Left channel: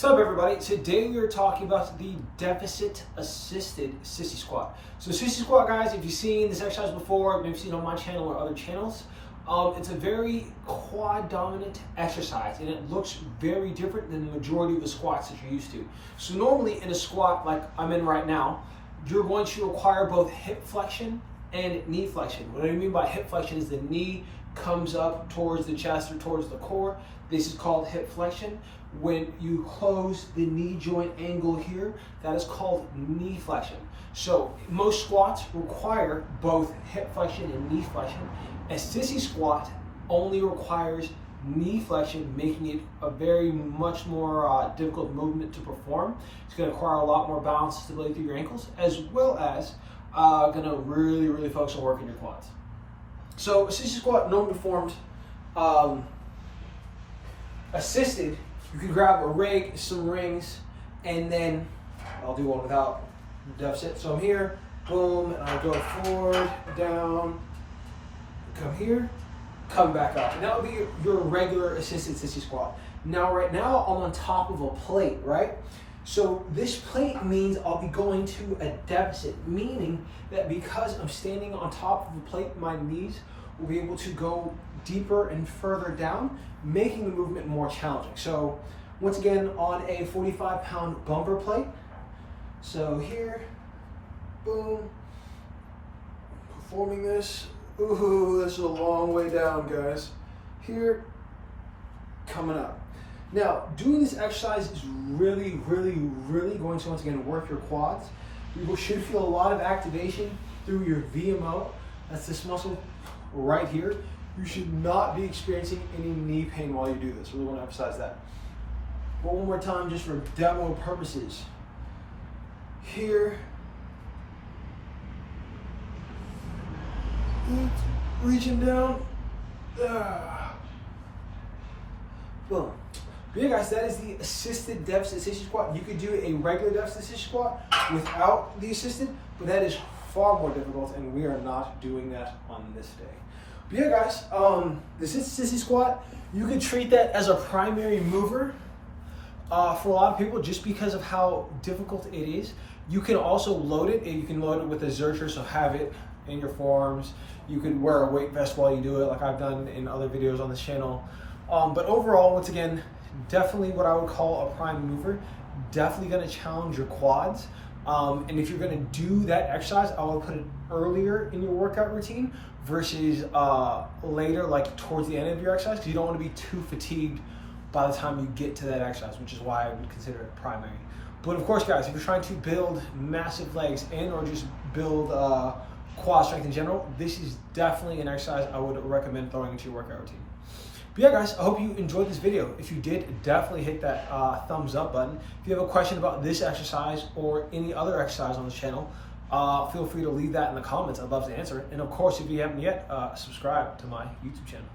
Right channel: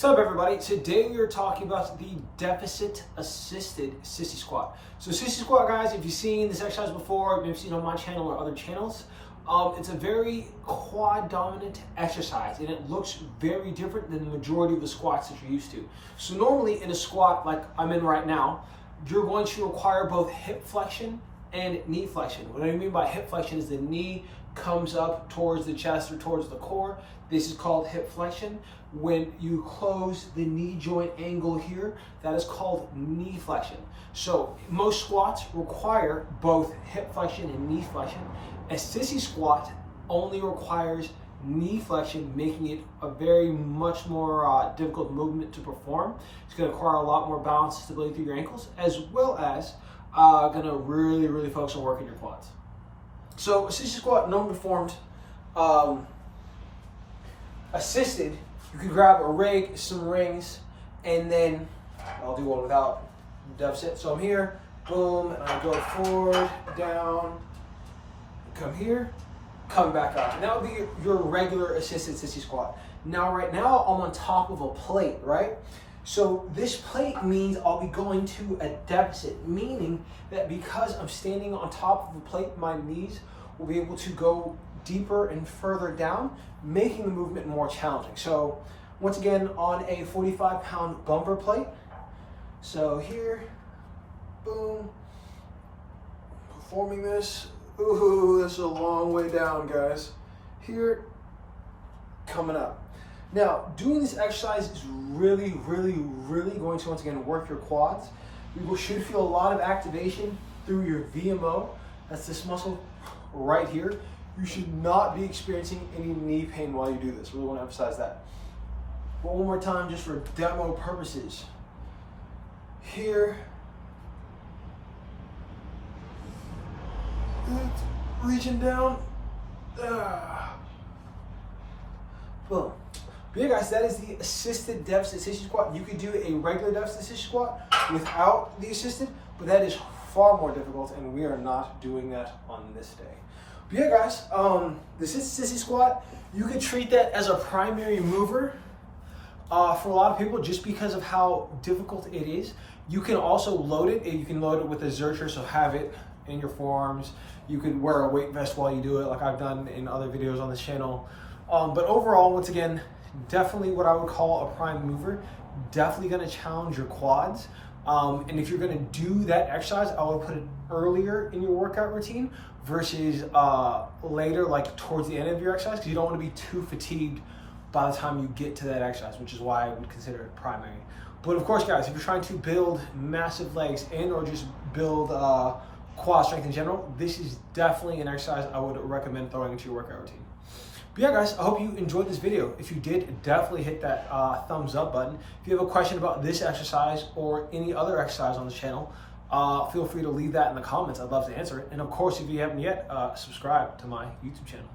What's up, everybody? Today we are talking about the deficit assisted sissy squat. So sissy squat, guys, if you've seen this exercise before, maybe seen it on my channel or other channels, it's a very quad dominant exercise and it looks very different than the majority of the squats that you're used to. So normally in a squat like I'm in right now, you're going to require both hip flexion and knee flexion. What I mean by hip flexion is the knee comes up towards the chest or towards the core. This is called hip flexion. When you close the knee joint angle here, that is called knee flexion. So most squats require both hip flexion and knee flexion. A sissy squat only requires knee flexion, making it a very much more difficult movement to perform. It's going to require a lot more balance and stability through your ankles, as well as going to really focus on working your quads. So a sissy squat normally performed assisted. You can grab a rig, some rings, and then I'll do one without deficit. So I'm here, boom, and I go forward, down, come here, come back up. And that would be your regular assisted sissy squat. Now, right now, I'm on top of a plate, right? So this plate means I'll be going to a deficit, meaning that because I'm standing on top of a plate, my knees will be able to go deeper and further down, making the movement more challenging. So once again, on a 45-pound bumper plate. So here, boom, performing this. Ooh, that's a long way down, guys. Here, coming up. Now, doing this exercise is really going to, once again, work your quads. You should feel a lot of activation through your VMO. That's this muscle right here. You should not be experiencing any knee pain while you do this. Really want to emphasize that. But one more time, just for demo purposes. Here. Reaching down. Boom. But yeah, guys, that is the assisted deficit sissy squat. You could do a regular deficit sissy squat without the assisted, but that is far more difficult, and we are not doing that on this day. But yeah, guys, the sissy squat, you could treat that as a primary mover for a lot of people just because of how difficult it is. You can also load it. You can load it with a zercher, so have it in your forearms. You could wear a weight vest while you do it, like I've done in other videos on this channel. But overall, once again, definitely what I would call a prime mover. Definitely going to challenge your quads. And if you're going to do that exercise, I would put it earlier in your workout routine versus later, like towards the end of your exercise, because you don't want to be too fatigued by the time you get to that exercise, which is why I would consider it primary. But of course, guys, if you're trying to build massive legs and or just build quad strength in general, this is definitely an exercise I would recommend throwing into your workout routine. But yeah, guys, I hope you enjoyed this video. If you did, definitely hit that thumbs up button. If you have a question about this exercise or any other exercise on this channel, feel free to leave that in the comments. I'd love to answer it. And of course, if you haven't yet, subscribe to my YouTube channel.